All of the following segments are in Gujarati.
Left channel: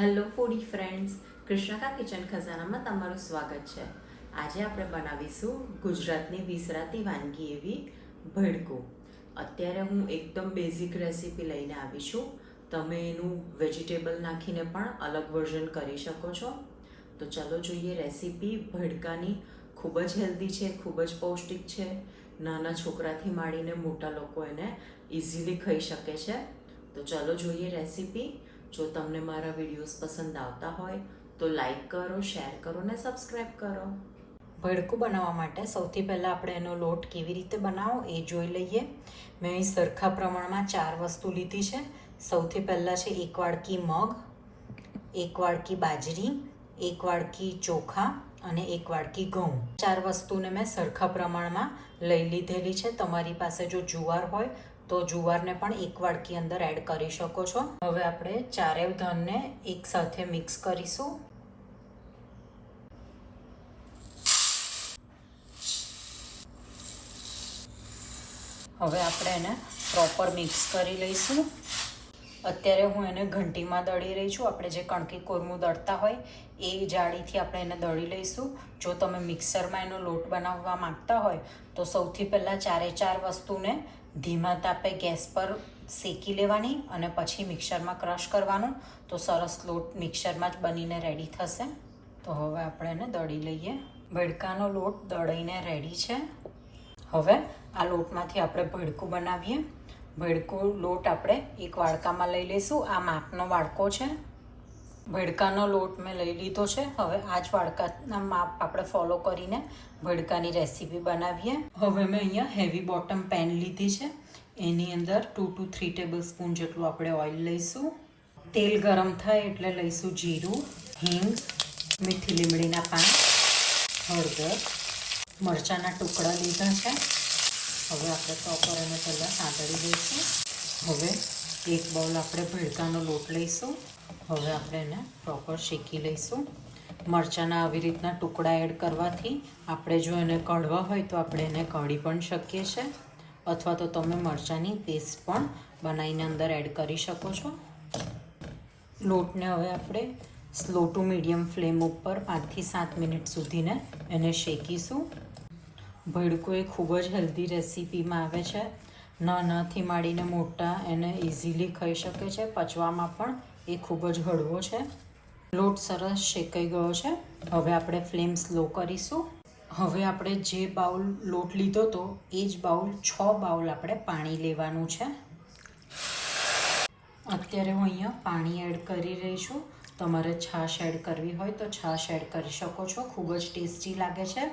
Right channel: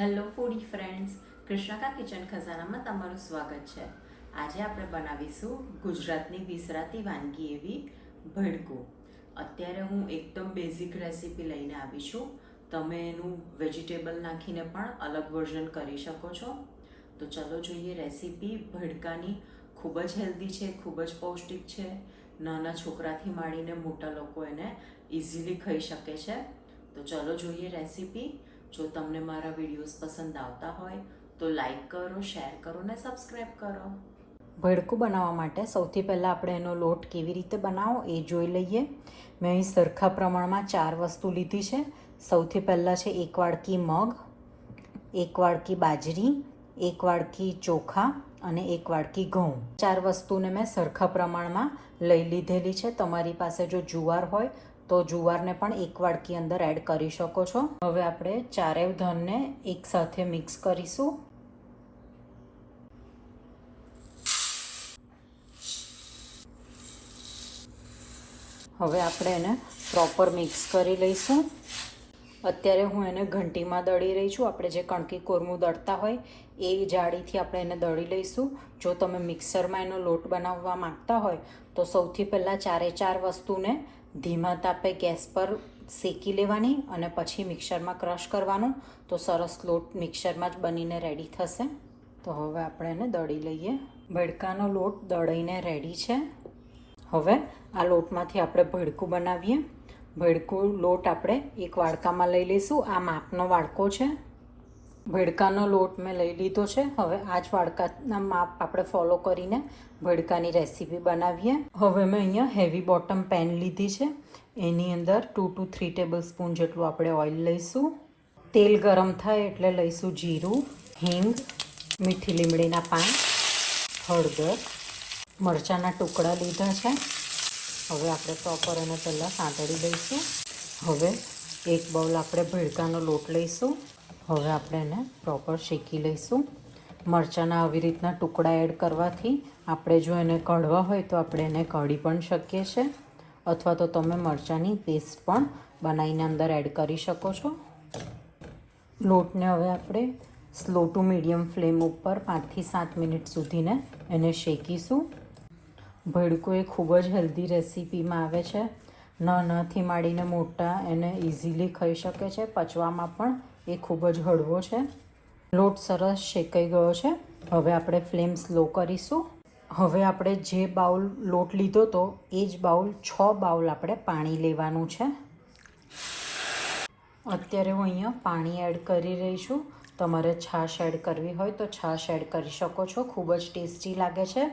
હેલો ફૂડી ફ્રેન્ડ્સ કૃષ્ણકા કિચન ખજાનામાં તમારું સ્વાગત છે. આજે આપણે બનાવીશું ગુજરાતની વિસરાતી વાનગી એવી ભડકું. અત્યારે હું એકદમ બેઝિક રેસીપી લઈને આવી છું. તમે એનું વેજીટેબલ નાખીને પણ અલગ વર્ઝન કરી શકો છો. તો ચલો જોઈએ રેસીપી ભડકાની ખૂબ જ હેલ્ધી છે, ખૂબ જ પૌષ્ટિક છે. નાના છોકરાથી માંડીને મોટા લોકો એને ઇઝીલી ખાઈ શકે છે. તો ચલો જોઈએ રેસીપી જો તમને મારા વિડીયોઝ પસંદ આવતા હોય, તો લાઈક કરો શેર કરો ને સબસ્ક્રાઈબ કરો. ભડકું બનાવવા માટે સૌથી પહેલાં આપણે એનો લોટ કેવી રીતે બનાવો એ જોઈ લઈએ. મેં અહીં સરખા પ્રમાણમાં ચાર વસ્તુ લીધી છે. સૌથી પહેલાં છે એક વાડકી મગ, એક વાડકી બાજરી, એક વાડકી ચોખા અને એક વાડકી ઘઉં. ચાર વસ્તુને મેં સરખા પ્રમાણમાં લઈ લીધેલી છે. તમારી પાસે જો જુવાર હોય તો જુવારને પણ એક વાડકી અંદર એડ કરી શકો છો. હવે આપણે ચારેવ ધનને એક સાથે મિક્સ કરીશું. હવે આપણે એને પ્રોપર મિક્સ કરી લઈશું. અત્યારે હું એને ઘંટીમાં દળી રહી છું. આપણે જે કણકી કોરમું દળતા હોય એ જાળીથી આપણે એને દળી લઈશું. જો તમે મિક્સરમાં એનો લોટ બનાવવા માંગતા હોય તો સૌથી પહેલાં ચારે ચાર વસ્તુને ધીમા તાપે ગેસ પર શેકી લેવાની અને પછી મિક્સરમાં ક્રશ કરવાનું. તો સરસ લોટ મિક્સરમાં જ બનીને રેડી થશે. તો હવે આપણે એને દળી લઈએ. ભડકાનો લોટ દળીને રેડી છે. હવે આ લોટમાંથી આપણે ભડકું બનાવીએ. ભડકું લોટ આપણે એક વાડકામાં લઈ લઈશું. આ માપનો વાડકો છે. ભડકાનો લોટ મેં લઈ લીધો છે. હવે આ જ વાડકાના માપ આપણે ફોલો કરીને ભડકાની રેસીપી બનાવીએ. હવે મેં અહીંયા હેવી બોટમ પેન લીધી છે. એની અંદર two two three tablespoon જેટલું આપણે ઓઇલ લઈશું. તેલ ગરમ થાય એટલે લઈશું જીરું, હિંગ, મીઠી લીમડીના પાન, હળદર, મરચાંના ટુકડા લીધા છે. હવે આપણે પ્રોપર એને પહેલાં સાંતળી દઈશું હવે એક બાઉલ આપણે ભડકાનો લોટ લઈશું. હવે આપણે એને પ્રોપર શેકી લઈશું. મરચાંના આવી રીતના ટુકડા એડ કરવાથી આપણે જો એને કઢવા હોય તો આપણે એને કઢી પણ શકીએ છીએ અથવા તો તમે મરચાંની પેસ્ટ પણ બનાવીને અંદર એડ કરી શકો છો. લોટને હવે આપણે સ્લો ટુ મીડિયમ ફ્લેમ ઉપર પાંચથી સાત મિનિટ સુધીને એને શેકીશું. ભડકું એ ખૂબ જ હેલ્ધી રેસીપીમાં આવે છે. નાનાથી માંડીને મોટા એને ઇઝીલી ખાઈ શકે છે. પચવામાં પણ એ ખૂબ જ હળવો છે. લોટ સરસ શેકાઈ ગયો છે. હવે આપણે ફ્લેમ સ્લો કરીશું. હવે આપણે જે બાઉલ લોટ લીધો તો એ જ બાઉલ છ બાઉલ આપણે પાણી લેવાનું છે. અત્યારે હું અહીંયા પાણી એડ કરી રહી છું. તમારે છાશ એડ કરવી હોય તો છાશ એડ કરી શકો છો. ખૂબ જ ટેસ્ટી લાગે છે.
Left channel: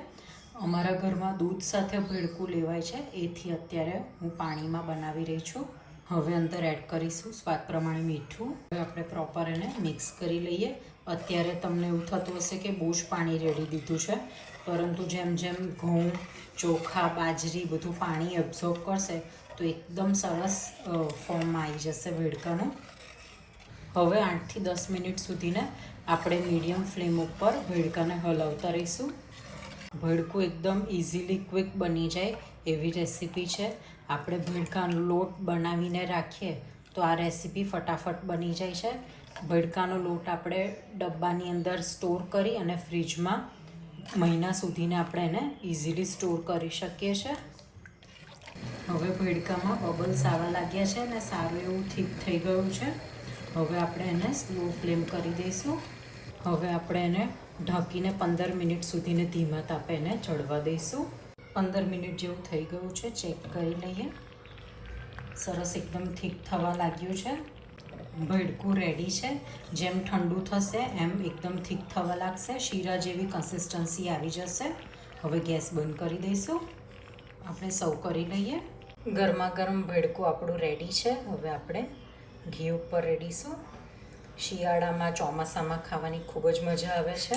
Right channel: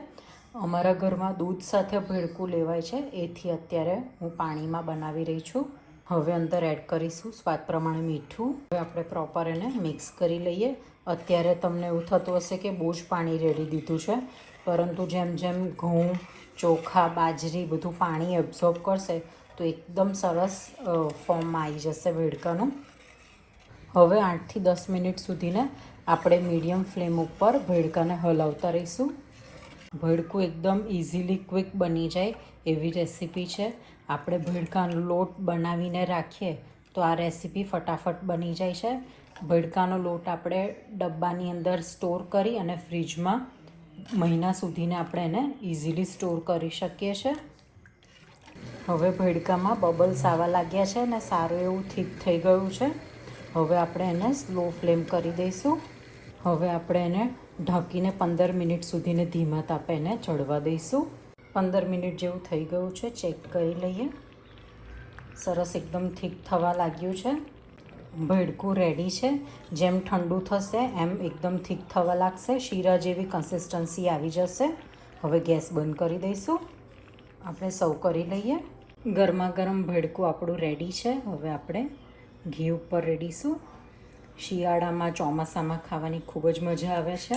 અમારા ઘરમાં દૂધ સાથે ભેળકું લેવાય છે. એથી અત્યારે હું પાણીમાં બનાવી રહી છું. હવે અંદર એડ કરીશું સ્વાદ પ્રમાણે મીઠું. હવે આપણે પ્રોપર એને મિક્સ કરી લઈએ. અત્યારે તમને એવું થતું હશે કે બહુ જ પાણી રેડી દીધું છે. પરંતુ જેમ જેમ ઘઉં, ચોખા, બાજરી બધું પાણી એબ્ઝોર્બ કરશે તો એકદમ સરસ ફોર્મમાં આવી જશે ભેડકાનું હવે આઠથી દસ મિનિટ સુધીને આપણે મીડિયમ ફ્લેમ ઉપર ભેડકાને હલાવતા રહીશું. ભડકું એકદમ ઇઝીલી ક્વિક બની જાય એવી રેસીપી છે. આપણે ભડકાનો લોટ બનાવીને રાખીએ તો આ રેસીપી ફટાફટ બની જાય છે. ભડકાનો લોટ આપણે ડબ્બાની અંદર સ્ટોર કરી અને ફ્રીજમાં મહિના સુધીને આપણે એને ઇઝીલી સ્ટોર કરી શકીએ છીએ હવે ભડકામાં બબલ્સ આવવા લાગ્યા છે અને સારું એવું થીક થઈ ગયું છે. હવે આપણે એને સ્લો ફ્લેમ કરી દઈશું. હવે આપણે એને ઢાંકીને પંદર મિનિટ સુધીને ધીમા તાપે એને ચડવા દઈશું. પંદર મિનિટ જેવું થઈ ગયું છે, ચેક કરી લઈએ. સરસ એકદમ થીક થવા લાગ્યું છે. ભડકું રેડી છે. જેમ ઠંડુ થશે, એમ એકદમ થીક થવા લાગશે. શીરા જેવી કન્સિસ્ટન્સી આવી જશે. હવે ગેસ બંધ કરી દઈશું. આપણે સર્વ કરી લઈએ. ગરમા ગરમ ભડકું આપણું રેડી છે. હવે આપણે ઘી ઉપર રેડીશું. શિયાળામાં ચોમાસામાં ખાવાની ખૂબ જ મજા આવે છે.